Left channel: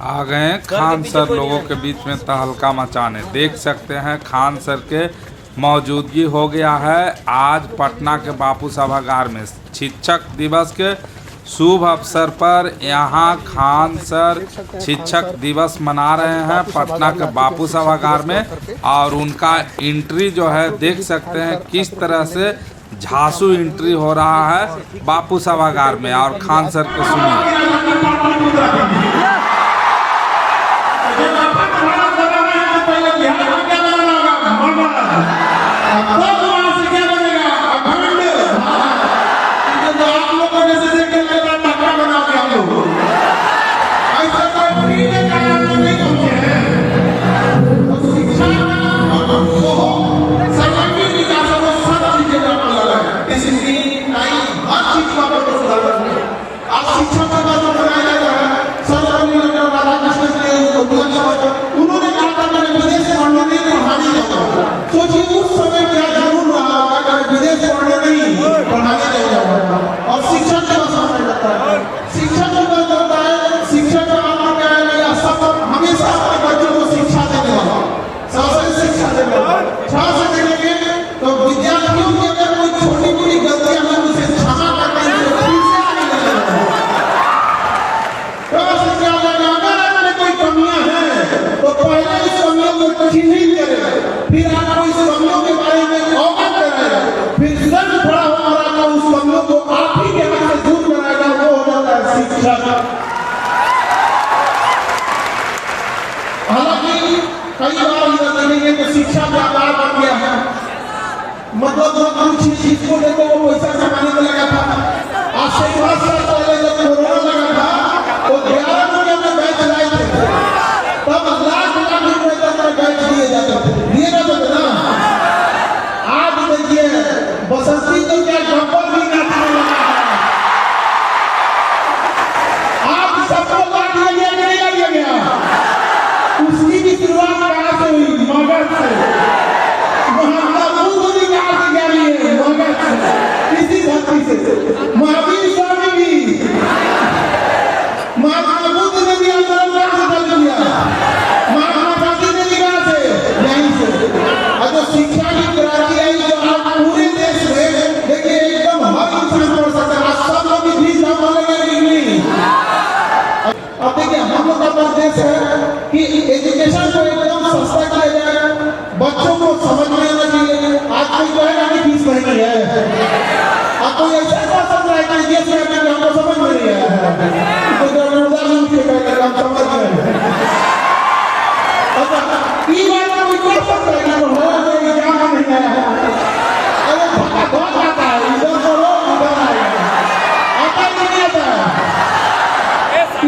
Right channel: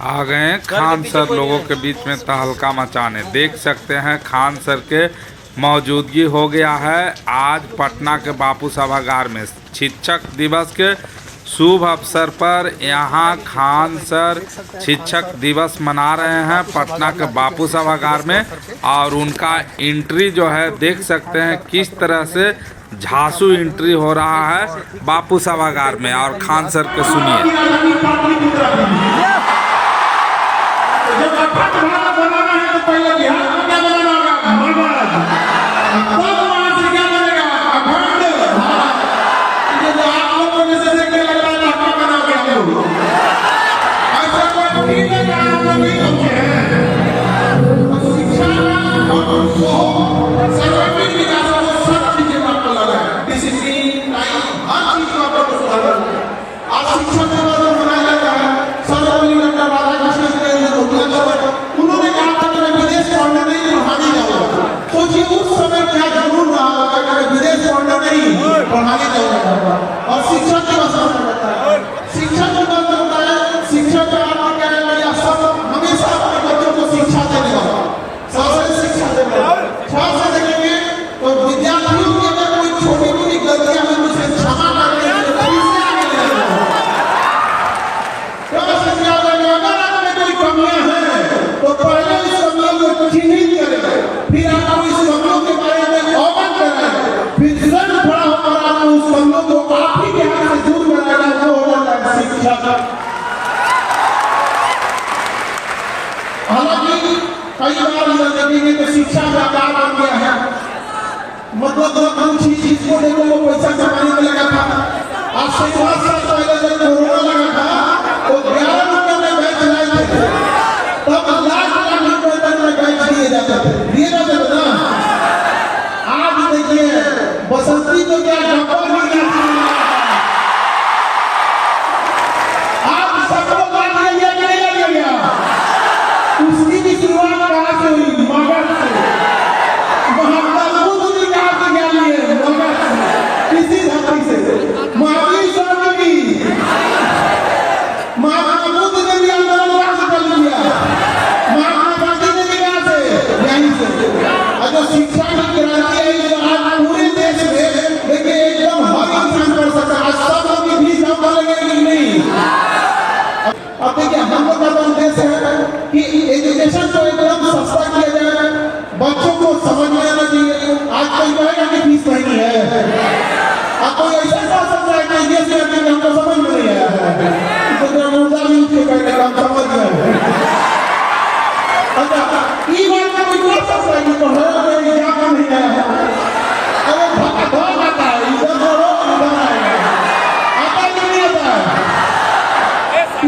आ गए हैं खान सर लोगों के बीच में तहलका मचाने। देख सकते हैं खान सर के मौजूदगी हो गया है आज पटना के बापू सभागार में। शिक्षक दिवस के शुभ अवसर पर यहाँ खान सर शिक्षक दिवस मना रहे हैं पटना के बापू सभागार में। और उनका एंट्री जो है देख सकते हैं किस तरह से झांसू एंट्री हो रहा है बापू सभागार में। और खान सर को सुनिए। सोचिए उस समय क्या जरूर रहा होगा कि मैं विदेश पढ़ने नहीं पढ़ाने जाऊंगा। और शिक्षक दिवस मनाया जाता है, शिक्षक दिवस करता है। शिक्षक का आपको क्या है भैया, सब हमेशा अपने बच्चों को शिक्षा देने वाला, सबसे शिक्षा देने वाला। ध्यान से देखेंगे तो विद्यार्थियों की अगर कोई छोटी मोटी गलतियां हो उसे क्षमा करने से फिर से आगे ले जाना। तो क्या अगर आपने कोई कमियां हैं तो पहले इस कमियों को चिन्हित करेगा, फिर आपको इस कमियों के बारे में अवगत कराएगा, फिर स्वयं खड़ा होकर आपको उस कमियों को आप ही के हाथ से दूर कराएगा। वो हो जाता है शिक्षक। हालांकि कई बार इधर देखेंगे तो शिक्षा व्यापार बन गया है। मतलब कुछ इसको देखो वो पैसा कमाने में लगा था। आज से 5 साल पहले जब कोरोना लगा था तो 11 रुपये में बैच लाए थे, तब लाख रुपए तक में बैच दिए जाते थे, दिए जाते थे ना। आज देखिए बसंती तो क्या डब्बा भी ना, आज सबको बांट लिया गया कि नहीं लिया गया। उसकी भी शुरुआत कहाँ से हुई? मगध से। महात्मा बुद्ध भी कहाँ से ज्ञानी है? मगध से, इसी धरती से। महावीर स्वामी भी, महात्मा बुद्ध ने भी आंदोलन से कर दिया, महात्मा गांधी ने भी कहाँ से? यहीं से। और जो शिक्षा की क्रांति है जो आज पूरे देश में देखिए एकदम हर इंसान कर सकता है। आज सब लोग भी फीस हम बोलेंगे कि नहीं। अब देखिए हम लोग का उद्देश है कि एजुकेशन को एकदम सस्ता किया जाए, बच्चों को समझ में आना चाहिए। आज कोई कहेगा कि फीस महंगी है, अब कोई ऐसा कह सकता है कि ये से हमको समझ में नहीं आया है, तो ग्रामीणता भी उसके कहने का हम समझ गए। अच्छा ये बात कोई कह सकता है कि पढ़ाया क्या नहीं आया है, अरे भाग आता है, इधर करो उधर आएगा, आता ही नहीं आता है।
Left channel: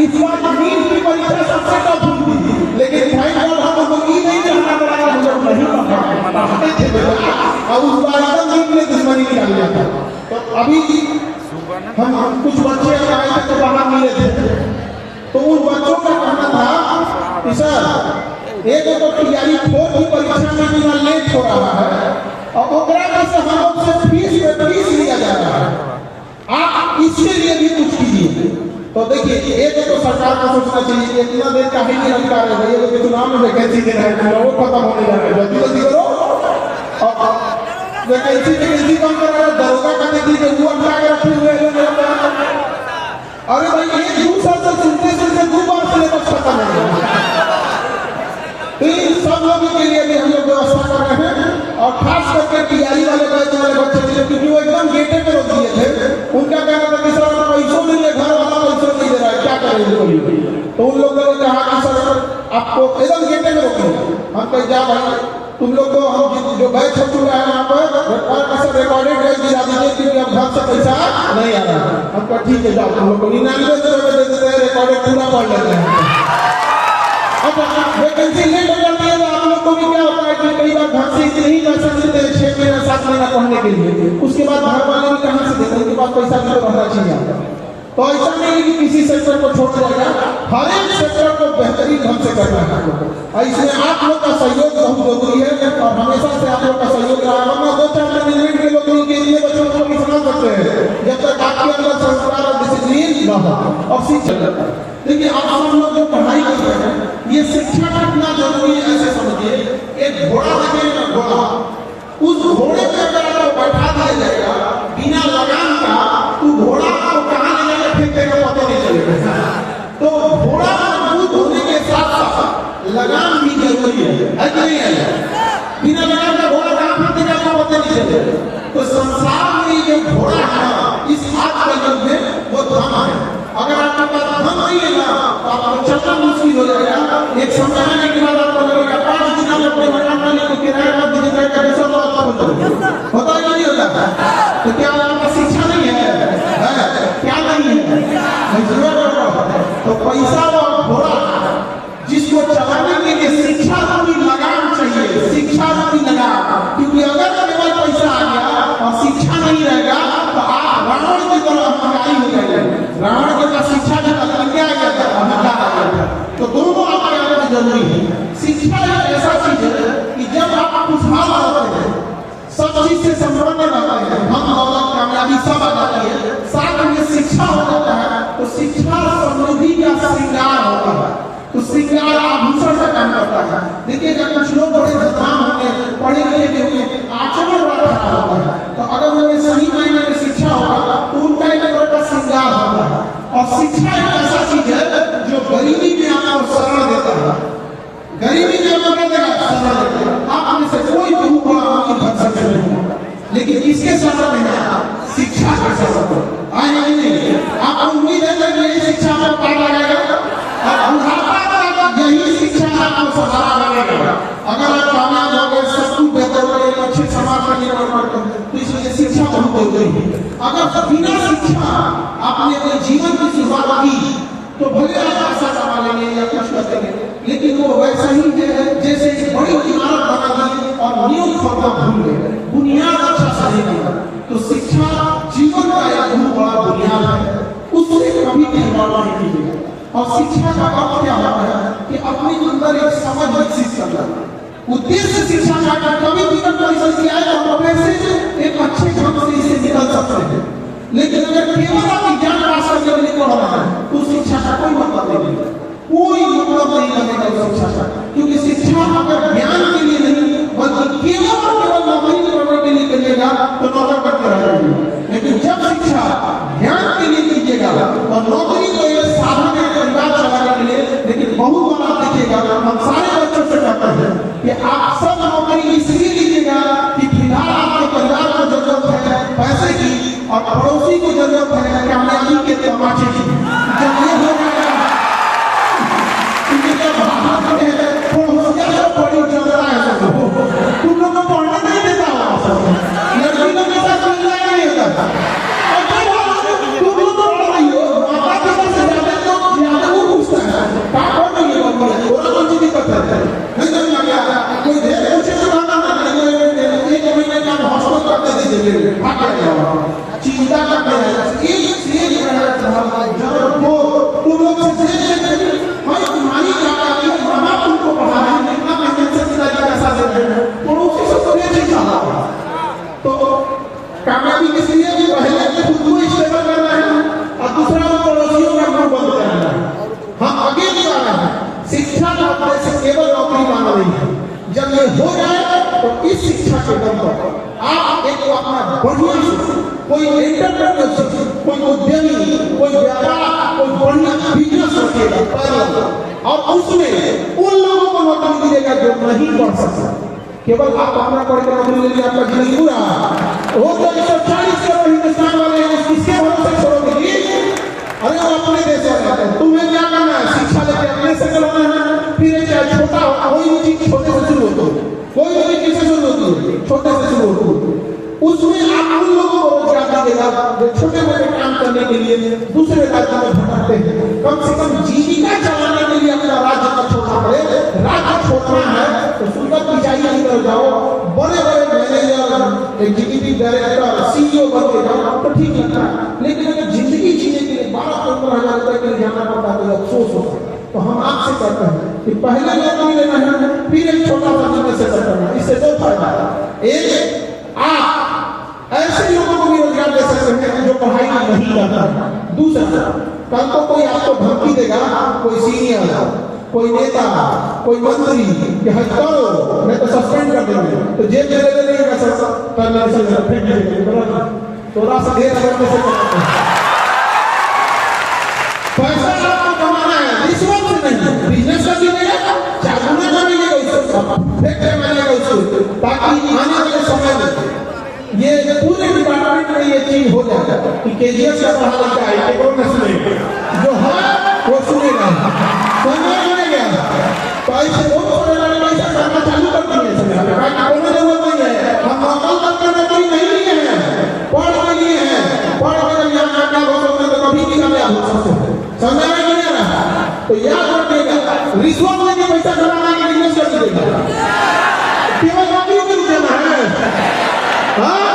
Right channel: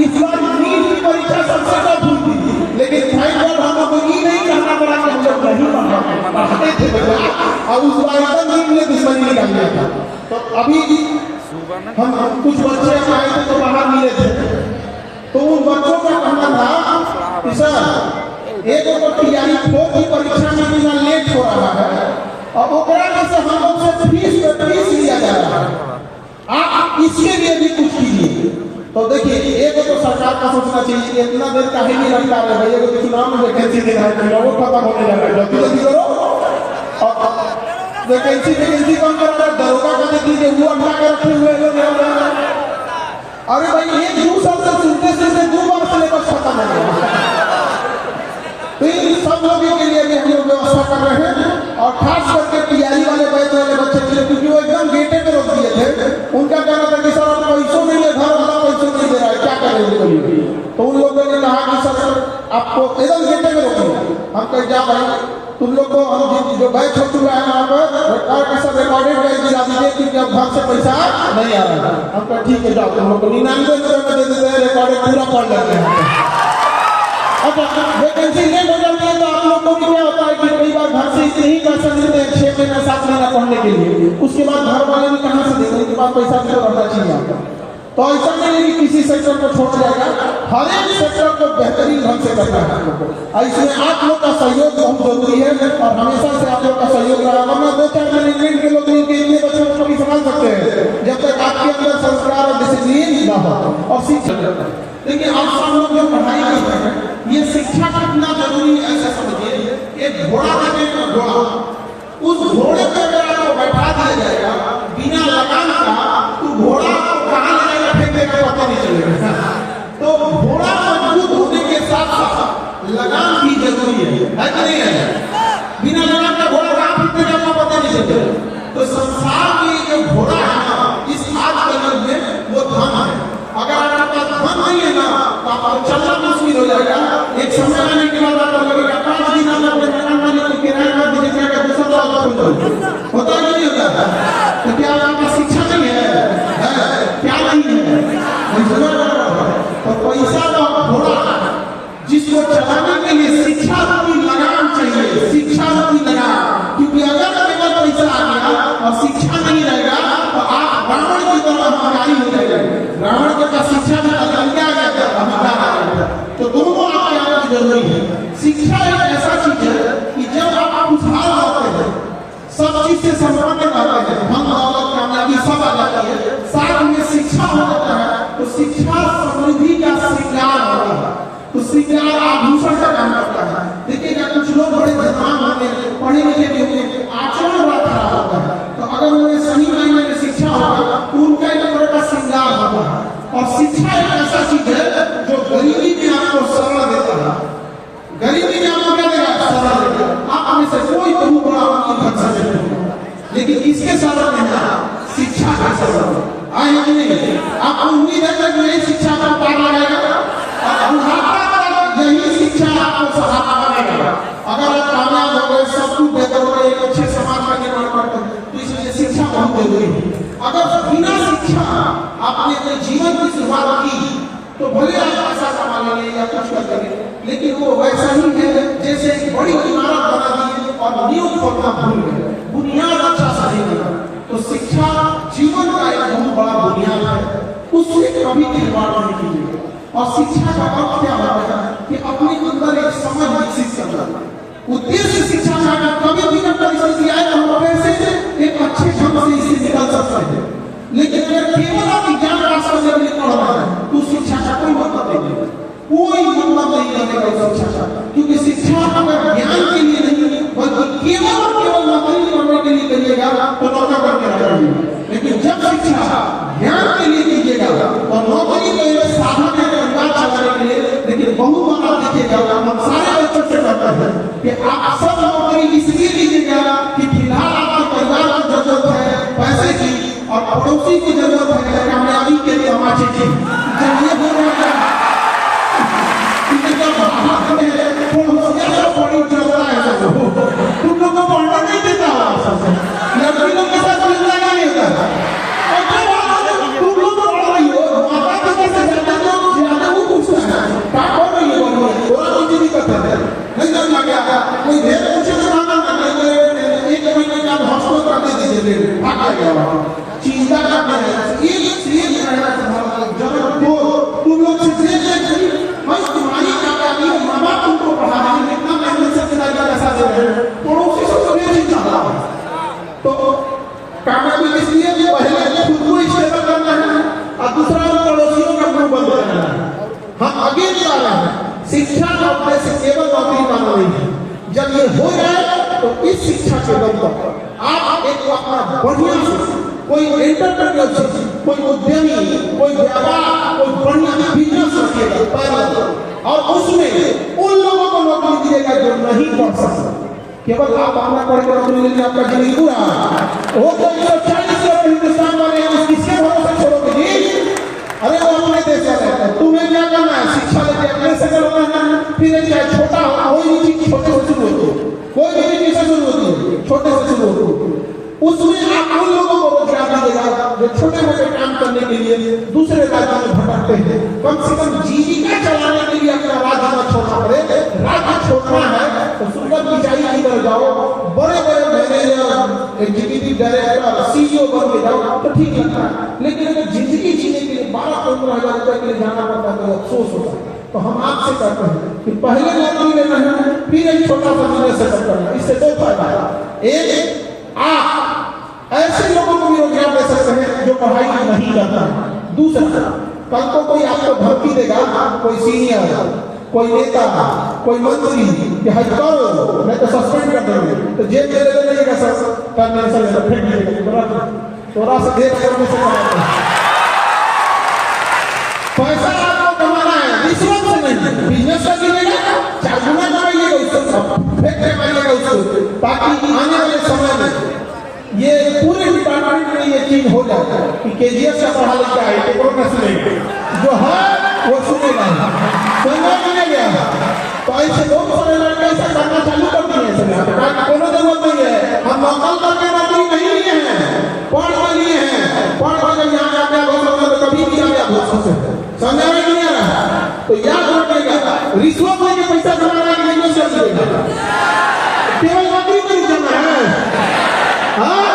इस बार नीट की परीक्षा सबसे टफ हुई थी, लेकिन थैंक गॉड हम लोग को ये नहीं कहना पड़ा कि हम लोग नहीं पढ़ते थे और उस बार एकदम नीट ने दुश्मनी निकाल लिया था। तो अभी हम कुछ बच्चे आए थे तो बाहर मिले थे, तो उन बच्चों का कहना था कि सर एक तो तैयारी 4 की परीक्षा में बिना लेट हो रहा है और ओकरा में से हम लोग से फीस लिया जा रहा है, आप इसके लिए भी कुछ कीजिए। तो देखिए एक तो सरकार को सोचना चाहिए कि इतना देर का ही नहीं रखा है भाई, अगर चुनाव में वैकेंसी देना है वो खत्म होने जा रहा है, जल्दी जल्दी करो। और वैकेंसी कम करा रहा है, दरोगा का देख लीजिए वो अटका के रखे हुए हैं। अरे भाई 1-2 साल से सुनते सुनते 2 बार सिलेबस खत्म हो गया। तो इन सब लोगों के लिए भी हम लोग व्यवस्था कर रहे हैं और खास करके तैयारी वाले बैच वाले बच्चे के लिए, क्योंकि वो एकदम गेटे पे रोक दिए थे। उनका कहना था कि सर पैसों नहीं है, घर वाला पैसों नहीं दे रहा है, क्या करें उनको लिए। तो उन लोगों ने कहा कि सर आपको एकदम गेटे में रोकिए। हम कहे जा भाई तुम लोग को हम जो बैच हो चुका है वहाँ पर सर रिकॉर्डेड बैच दिला दीजिए, क्योंकि अब घर से पैसा नहीं आ रहा है। हम कहा ठीक है जाओ तुम लोग को 99 रुपये दे देते हैं, रिकॉर्डेड पूरा पढ़ लेते हैं। अब वैकेंसी लेट हो जाती है तो आप लोग को भी क्या होता है कि कई बार घर से इतने ही पैसे मिलते हैं 6 महीना 7 महीना पढ़ने के लिए, उसके बाद घर वाले भी कहाँ से देंगे, उनके पास पैसा भी तो रहना चाहिए आपको। तो ऐसा नहीं है कि किसी सेक्टर को छोड़ा जाएगा, हर एक सेक्टर को बेहतरीन ढंग से करना है आप लोग को। इसमें आप लोग का सहयोग बहुत जरूरी है और हमेशा से आप लोग का सहयोग रहा है। वरना 2-4 मैनेजमेंट के लोग के लिए बच्चों को भी संभाल सकते हैं जब तक आपके अंदर संस्कार और डिसिप्लिन न हो और शिक्षा। देखिए आप लोग जो पढ़ाई चलना मुश्किल हो जाएगा। एक समय आने के बाद आपको लगेगा 5 दिन आप अपने मकान मालिक को किराया मत दीजिएगा कि दूसरा लोग आपको होता है कि नहीं होता? तो क्या आपका शिक्षा नहीं है? क्या नहीं है? तो पैसा और घोड़ा जिसको चलाने के लिए शिक्षा रूपी लगाम चाहिए, शिक्षा रूपी लगाम। क्योंकि अगर केवल पैसा आ गया और शिक्षा नहीं रहेगा तो आप रावण की तरह अहंकारी हो जाएंगे। रावण के पास शिक्षा भी था, क्या आ गया था? अहंकार आ गया था। तो दोनों आपके अंदर जरूरी है। शिक्षा एक ऐसा चीज है कि जब आप खुशहाल रहते हैं, सब चीज से संपन्न रहते हैं, हम दौलत कामयाबी सब आ जाती है, साथ में शिक्षा हो जाता है, तो शिक्षा समृद्धि का श्रृंगार होता है। तो श्रृंगार आभूषण का काम करता है। देखिएगा कुछ लोग बड़े विद्वान होंगे, पढ़े लिखे भी होंगे, आचरण बड़ा खराब होता है। तो अगर उन्हें सही मायने में शिक्षा होगा तो उनका एक तरह का श्रृंगार होगा। और शिक्षा एक ऐसा चीज है जो गरीबी में आपको शरण देता है। गरीबी में आपको क्या देगा? शरण देगा। आप में से कोई गुरु बड़ा आपकी घर से नहीं, लेकिन किसके शरण देगा? शिक्षा के शरण। आए नहीं आप उम्मीद है जब नई शिक्षा का पार लगाएगा और यही शिक्षा आपको सहारा बनेगा। अगर आप कामयाब हो गए, सब कुछ बेहतर हो गए, एक अच्छे समाज का निर्माण करते हैं, तो इसलिए शिक्षा बहुत जरूरी है। अगर बिना शिक्षा आपने अपने जीवन की शुरुआत की तो भले आप पैसा कमा लेंगे या कुछ कर देंगे, लेकिन वो वैसा ही है जैसे एक बड़ी इमारत बना दी और नींव खोदना भूल गए, बुनियाद अच्छा सही नहीं। तो शिक्षा जीवन का एक बहुत बड़ा बुनियाद है, उससे कभी निर्माण नहीं कीजिएगा। और शिक्षा का अर्थ क्या होता है कि अपने अंदर एक समझ विकसित करना। उद्देश्य शिक्षा का अगर कभी जीवन परिस्थिति आए तो हम पैसे से एक अच्छे ढंग से इससे निकल सकते हैं। लेकिन अगर केवल आप ज्ञान पास करने के लिए पढ़ रहे हैं तो शिक्षा का कोई मतलब नहीं है, कोई मतलब नहीं बनेगा उस शिक्षा का। क्योंकि शिक्षा अगर ज्ञान के लिए नहीं बल्कि केवल और केवल नौकरी करने के लिए करिएगा तो नौकर करके रहेगा। लेकिन जब शिक्षा ज्ञान के लिए कीजिएगा और नौकरी को एक साधन है परिवार चलाने के लिए, लेकिन बहुत बार आप देखिएगा हम सारे बच्चों से कहते हैं कि आप सब नौकरी इसलिए लीजिएगा कि फिलहाल आपके परिवार को जरूरत है पैसे की और पड़ोसी को जरूरत है कामयाबी के तमाचे की। जब ये हो जाएगा पढ़ी चलता है सब, तुम लोग को पढ़ने नहीं देता होगा सब, लड़की लोग के साथ मिलना नहीं होता। और जब तुम लोग पढ़ रही हो माता पिता से ज्यादा वो पूछता है क्या पढ़ रही है, थोड़ा कुछ दिक्कत है नहीं समझ आ गया। कोई ढेर पूछे तो माना ना, एक महीने का हॉस्टल करते दीजिए, चिंता करते हैं एक जब वो तुम लोग से भाई तुम्हारी क्या मामा तुमको पढ़ा रहे हैं, कितना मेहनत से पिताजी पैसा दे रहे हैं, पड़ोसी से तो नहीं चाहता। तो कामयाबी इसलिए कि पहले खुद को स्टेबल करना है और दूसरा पड़ोसियों का मुंह बंद करना है। हम आगे निकाल रहे हैं। शिक्षा का अपने से केवल नौकरी मांग रही है। जब ये हो जाए तो इस शिक्षा के दम पर आप एक अपना बढ़िया कोई एंटरप्रेन्योरशिप, कोई उद्यमी, कोई व्यापार, कोई बढ़िया बिजनेस रखिएगा और उसमें उन लोगों को नौकरी दीजिएगा जो नहीं पढ़ सकते। केवल आप अपना पढ़ के नौकरी ले लिया आपका जीवन पूरा वो तो 140 करोड़ हिंदुस्तान वाले हैं, किसके भरोसे छोड़ोगे जी? अरे वो अपने देश वाले हैं। तुम्हें क्या करना है? शिक्षा लेके अपने से करना है। फिर चाहे छोटा हो, कोई भी चीज छोटे से शुरू होती है, कोई भी चीज किससे शुरू होती है? छोटे से शुरू होती है। उसमें आप उन लोगों को रोजगार दीजिएगा जो छोटे मोटे काम करने के लिए दूसरे राज्यों में भटकते हैं। कम से कम जीविका चलाने के लिए अपना राज्य न छोड़ना पड़े। राज्य छोड़ना है तो सुंदर पिचाई की तरफ जाओ, बड़े बड़े मैनेजर, एग्जीक्यूटिव डायरेक्टर, सीईओ बन के जाओ तो ठीक लगता है। लेकिन अगर जिंदगी जीने के लिए 12-15 हजार रुपए के लिए जाना पड़ता है तो अफसोस होता है। तो हम आपसे कहते हैं कि पहले नौकरी लेना है, फिर एक छोटा सा बिजनेस सेटअप करना। इससे दो फायदा है। एक, आप ऐसे लोगों को भी रोजगार दे सकते हैं जो पढ़ाई नहीं करता है। दूसरा, कल को कोई आपको धमकी देगा, कोई सीनियर, कोई नेता, कोई मंत्री कि हज करो मैं तो सस्पेंड कर देंगे, तो जेल में ले जाइएगा सर, टर्मिनेशन फेंक दीजिएगा। थोड़ा सा देर करने से कमाते हैं पैसा, आपको कमाना है रिश्वत से नहीं, बिजनेस कर दीजिएगा, 4 गुना कमाइएगा उससे, फेंक के मारिएगा उसको, ताकि आने वाले समय में ये पूरे डिपार्टमेंट में ये चीज हो जाता है कि केजीएफ का पढ़ा लिखा है, केवल न सुनेगा, जो है वो सुनेगा। तो रिश्वत लेके पैसा जमाना है कि नहीं से मिलेगा? केवल नौकरी में रुक जाना है? हाँ?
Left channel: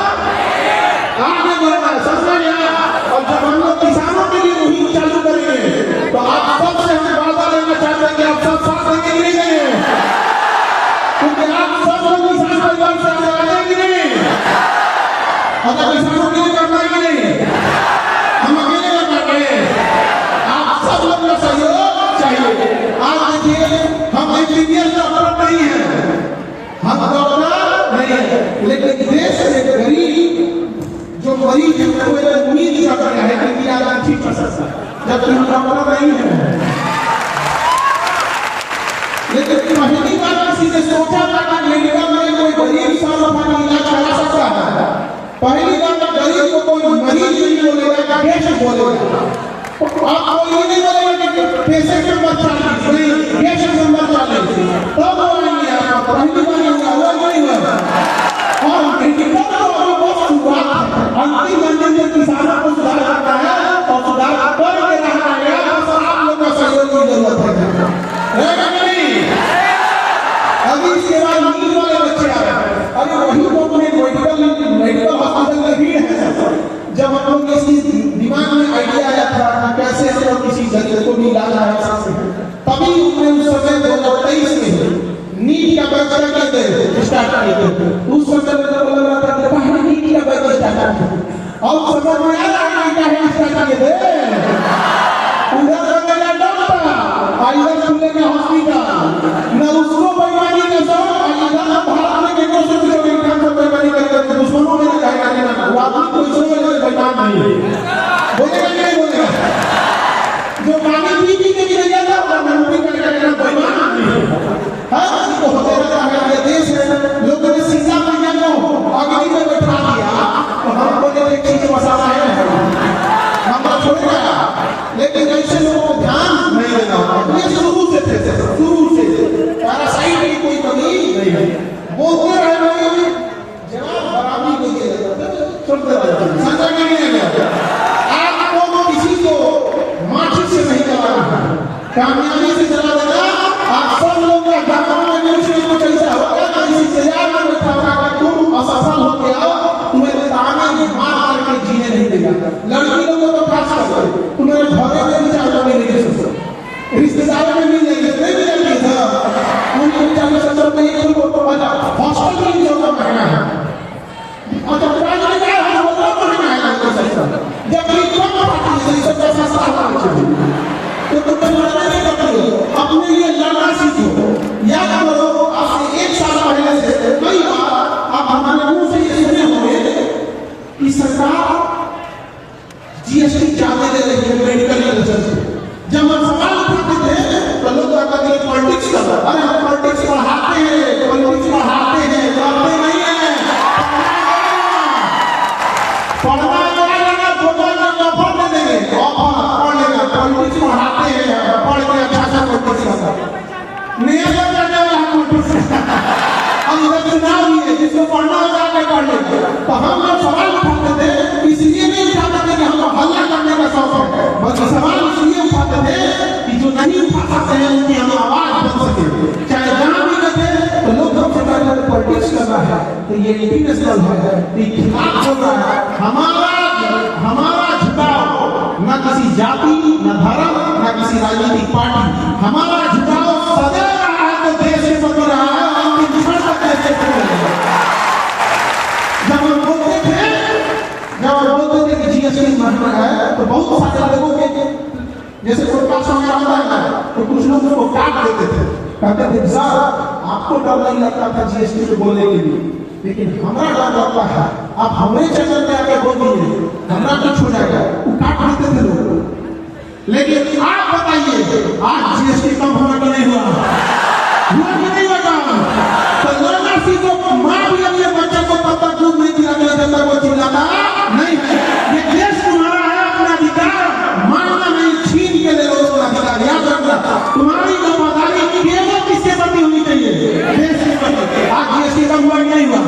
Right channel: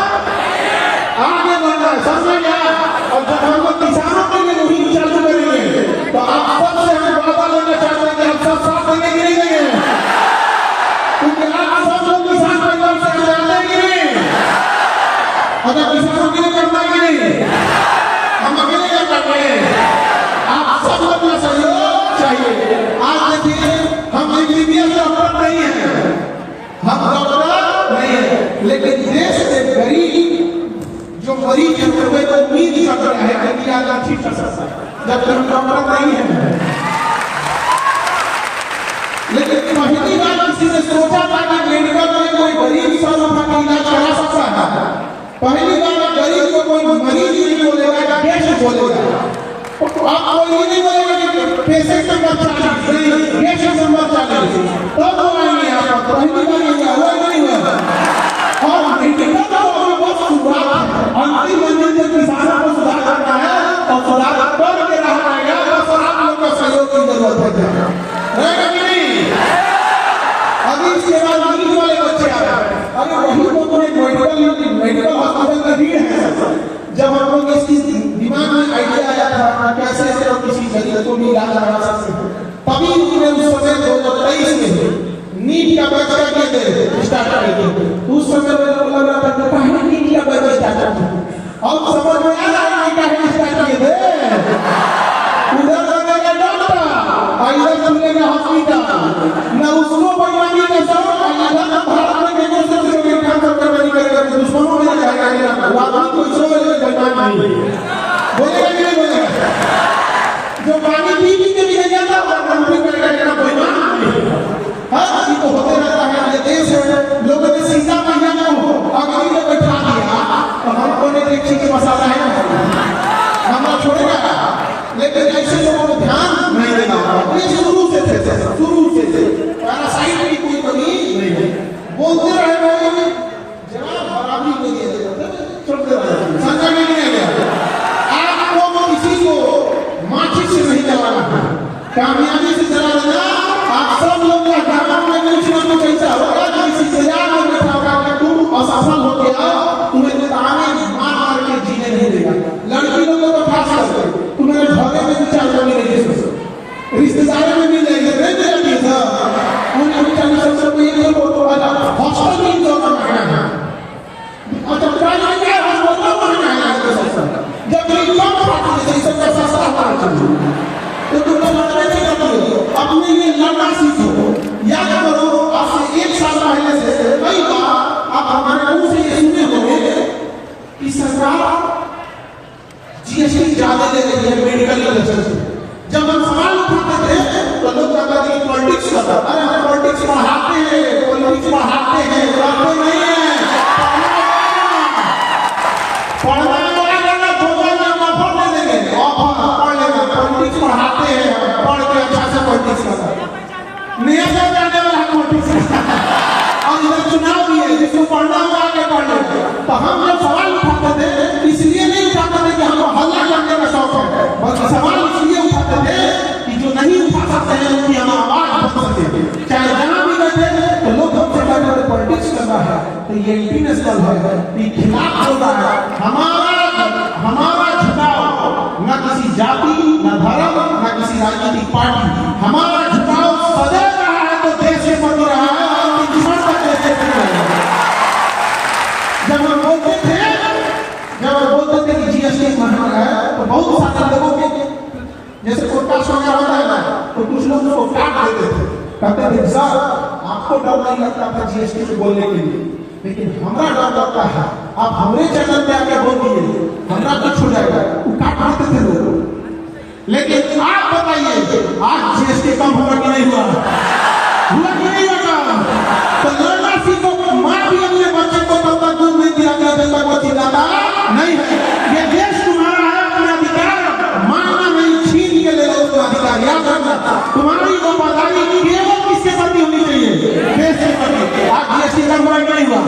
आगे बढ़ना है, समझ में गया? और जब हम लोग किसानों के लिए मुहिम चालू करेंगे तो आप सबसे हम वादा लेना चाहते हैं कि आप सब साथ देंगे कि नहीं देंगे? क्योंकि आप सब लोग किसान परिवार से आते हैं कि नहीं? अगर किसानों के लिए करना है कि नहीं? हम अकेले कर पाएंगे? आप सब लोग का सहयोग चाहिए। आज देखिए हम इंजीनियर से अपना नहीं है, हम डॉक्टर नहीं है, लेकिन देश से गरीब जो मरीज है वो उम्मीद कर रहे हैं कि आप ठीक कर सकते हैं, जबकि हम डॉक्टर नहीं है। लेकिन पहली बार किसी ने सोचा था कि मेडिकल में कोई गरीब सर्वथा का इलाज करा सकता है। पहली बार गरीब को कोई मरीज नहीं बोलेगा, पेशेंट बोलेगा। आप कोई ये नहीं बोलेगा कि पेशेंट नंबर 40 नहीं, पेशेंट नंबर 40 तब वो आएंगे यहाँ पर। पहली बार ये हुआ, वो नहीं हुआ। और मेडिकल तो अभी बहुत शुरुआत है, अंतिम मंजिल में किसानों को सुधार करना है और सुधार करके रहना है। बस आप लोग का सहयोग की जरूरत है, रहेगा कि नहीं? अभी इसके बाद नींद वाले बच्चे आ रहे हैं, अरे वही तो अपने मेडिकल हॉस्पिटल में भीड़ है। जब हम लोग इसकी दिमाग में आइडिया आया था कैसे से किसी गरीब को भी इलाज करा सकते हैं, तभी हमने उस समय 2023 में नीट का बैच करके स्टार्ट किया। उस समय में लोग लग रहा था कि पहले नीट का बैच स्टार्ट किया, और समझ में आ रहा है कि पहले स्टार्ट किए थे। उधर लगेगा डॉक्टर, इधर खुलेगा हॉस्पिटल, न उसको बेईमानी का शौक, इधर भारत में केवल से पूछोगे कैंसर बेईमानी करेगा तो दुश्मनों में लगाएगा कि ना वो आदमी कोई सो में बेईमान नहीं है, बोलेगा कि नहीं बोलेगा? जो पानी पी के भी नहीं जाता वो नौकरी करेगा कि ना बेईमान नहीं है। हर किसी को होते रहता है, ये देश है। लोगों ने सिंगा मैया को अगली में बैठा दिया तो हमको ने एक चीज मसाला है हम छोड़ेगा, लेकिन ऐसे लोगों को ध्यान नहीं देना होगा। ये शुरू से पैरासाइट की कोई कमी नहीं है, बोलते रहे जवाब बराबरी को छोड़ते रहे, समझा नहीं आएगा। आपको किसी को माचिस से नहीं चलाना है, कामयाबी से चला देना। आप सब लोग का ग्रामीण में कुछ ना कुछ ऐसा होगा ना, इस इंतजार में बैठा होगा कि तुम असफल हो गया, तुम्हें ताने मार के जीने नहीं देगा। लड़की लोगों को खास कर तुम्हारे घरे में भी 4 मिलेगी, रिश्तेदारों में मिल जाएंगे, नहीं मिलेगी सर। उन्हें 40 में एक लोग तो हॉस्टल में इंजॉय करना है, और जब प्राइज में जाए हॉस्टल में महंगा है सस्ता, जब इनकम पार्टी से सबसे सस्ता होना चाहिए। तो तुम लड़ने नहीं करते हो, अपने लिए लड़ना सीखो। याद करो आपसे 1 साल पहले से कई बार आप हमारे मुंह से ये सुने होंगे कि सरकार जीएसटी ज्यादा दे रही है मेडिकल इंडस्ट्री से। जब हम सवाल उठाते थे तो लोग कहते थे पॉलिटिक्स कर रहा, अरे हम पॉलिटिक्स बढ़ाते हैं, पॉलिटिक्स बढ़ाते हैं, करते नहीं है। पढ़ना पड़ेगा, प्रोग्राम ऑफर दे देंगे, ऑफर पढ़ लेगा, पॉलिटिक्स बढ़ाते हैं, पढ़ के अच्छा से पॉलिटिक्स करता है। नियत हो जाने वाला है पॉलिटिक्स, और इधर चुनाव भी है, जिसको पढ़ना होगा आगे पढ़ लेंगे। तो हम लोग सवाल उठाते थे, इसलिए नहीं उठाते थे कि हम हल्ला करने का शौक है, बल्कि सवाल इसलिए उठाते थे कि जो नहीं उठा सकते हैं उनकी हम आवाज बन सके। चाहे जहां भी रहते तो लोग हमसे कहते थे पॉलिटिक्स करना है तो ये इंटरनेशनल है, ये खिलाफ हो रहा है। हमारा झुकाव न किसी जाति, न धर्म, न किसी राजनीतिक पार्टी, हमारा झुकाव सदैव रहा है तो देश से बच रहा है, दूसरों का कैसे जब हम बोलते थे कि जीएसटी महंगा है तो बहुत सारे लोगों के जैसे प्रकाश वगैरह होता है ना, तो कुछ लोगों को काट देते थे, कहते थे सर आपको डर नहीं लगता था जीएसटी को बोलने के लिए, लेकिन हमारा डर लगता है आप हमारे चैनल पे आकर बोलिए, हमारा कुछ हो जाएगा। वो काट देते थे लोग। लेकिन आप बताइए आज जीएसटी कम होगा कि नहीं हुआ? हुआ कि नहीं हुआ? तो लड़ना सीखो, मां भी अपने बच्चे को तब तक दूध नहीं दिया गया जब तक वो चिल्लाता नहीं है। ये देश तुम्हारा है, अपना अधिकार मानना नहीं, छीन के ले लो उसका अधिकार। याद रखना तुम्हारी वफादारी केवल किसके प्रति होनी चाहिए? देश के प्रति। आज जीएसटी कम हुआ नहीं हुआ,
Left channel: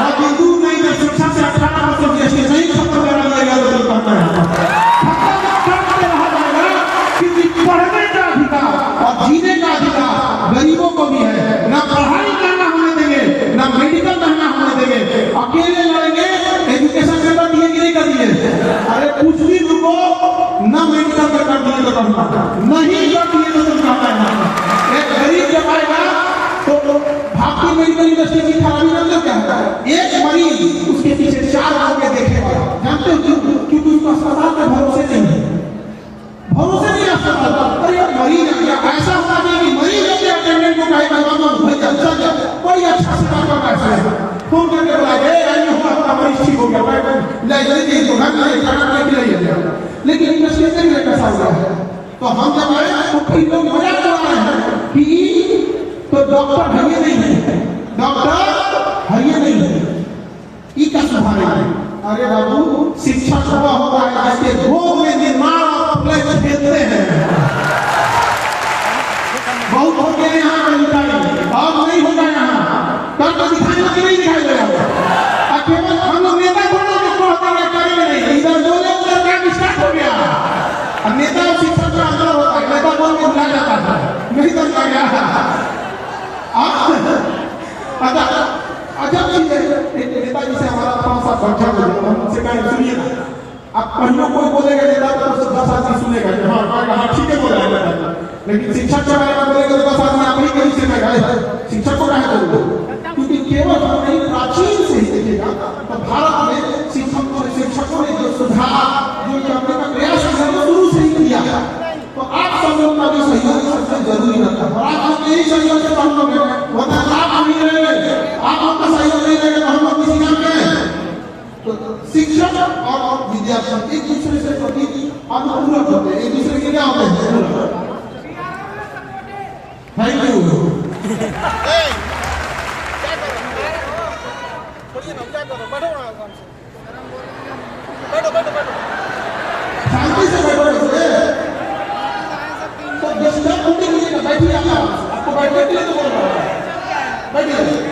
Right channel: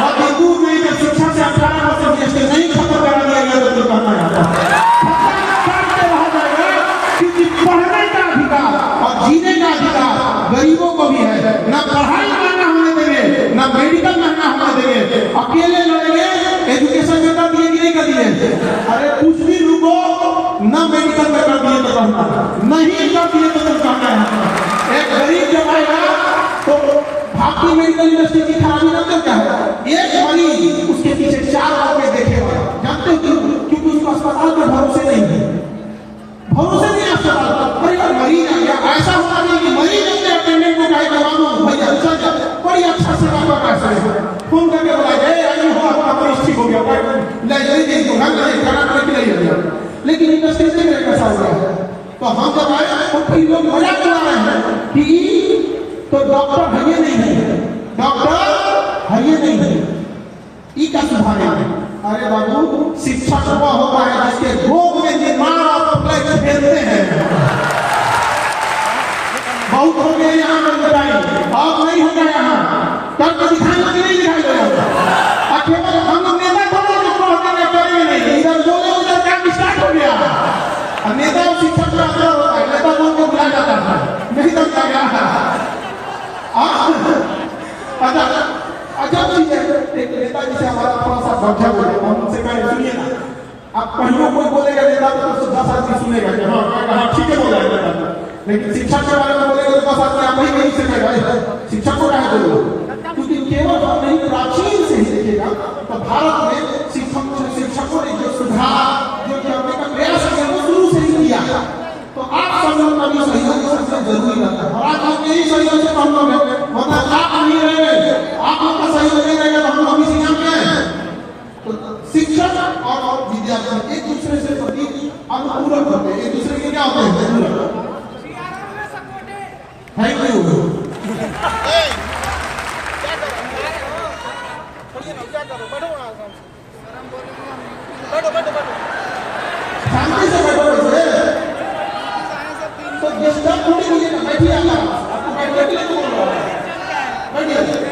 और हिंदू नहीं तो शिक्षा से 18% जीएसटी नहीं खत्म करा दिया गया तो करना है। किसी पढ़ने का अधिकार और जीने का इंडस्ट्री से कैसा हुआ है। तो हम जब आए तो फिर लोग मजा कर रहे हैं कि तो डॉक्टर भैया नहीं है, डॉक्टर भैया नहीं है, ई का सुधारे। अरे बाबू शिक्षक हुआ हो रहा है जिसके रोग में निर्माण और अप्लाई खेलते हैं। बहुत हो गए यहाँ पर लड़ाई, अब नहीं होगा यहाँ तब दिखाई लगे नहीं दिखाई देगा। और केवल हम लोग नेता थोड़ा जो कहते हैं करेंगे नहीं, इधर बोले उधर काम स्टार्ट हो गया। और नेता और शिक्षक में अंतर होता है, नेता बोल के बुला जाता है, नहीं करता गया। अच्छा चीज है, एक नेता जी से हमारा थोड़ा सा समझा बोले, हम उनसे कहें सुनिए ना, अब कहीं कोई बोलेगा नेता तो 10 आदमी सुनेगा कि हाँ ठीक है बोल रहे हैं, लेकिन शिक्षक के बारे में बोलेगा तो 10 आदमी आप कहीं से कहेगा शिक्षक को कहा करो, क्योंकि केवल हम नहीं प्राचीन से ही देखिएगा तो भारत में शिक्षकों ने जो सुधार जो करने का प्रयास है वो शुरू से ही किया। तो आप सब लोग का भी सहयोग सबसे जरूरी रहता है, और आप लोग यही सहयोग से हम लोग हैं, मतलब आप नहीं रहेंगे, आप लोग का सहयोग नहीं रहेगा तो हम लोग किसी काम के हैं। तो शिक्षक और विद्यार्थी एक दूसरे से प्रति अनुपूरक होते हैं, एक दूसरे के क्या होते हैं। Thank you. क्या करो, बैठो आराम से, बैठो शांति से बैठो। वैसे तो डिस्टर्ब होने के लिए ना बैठिए, आपको बैठने के लिए तो बोल रहा है, बैठिए।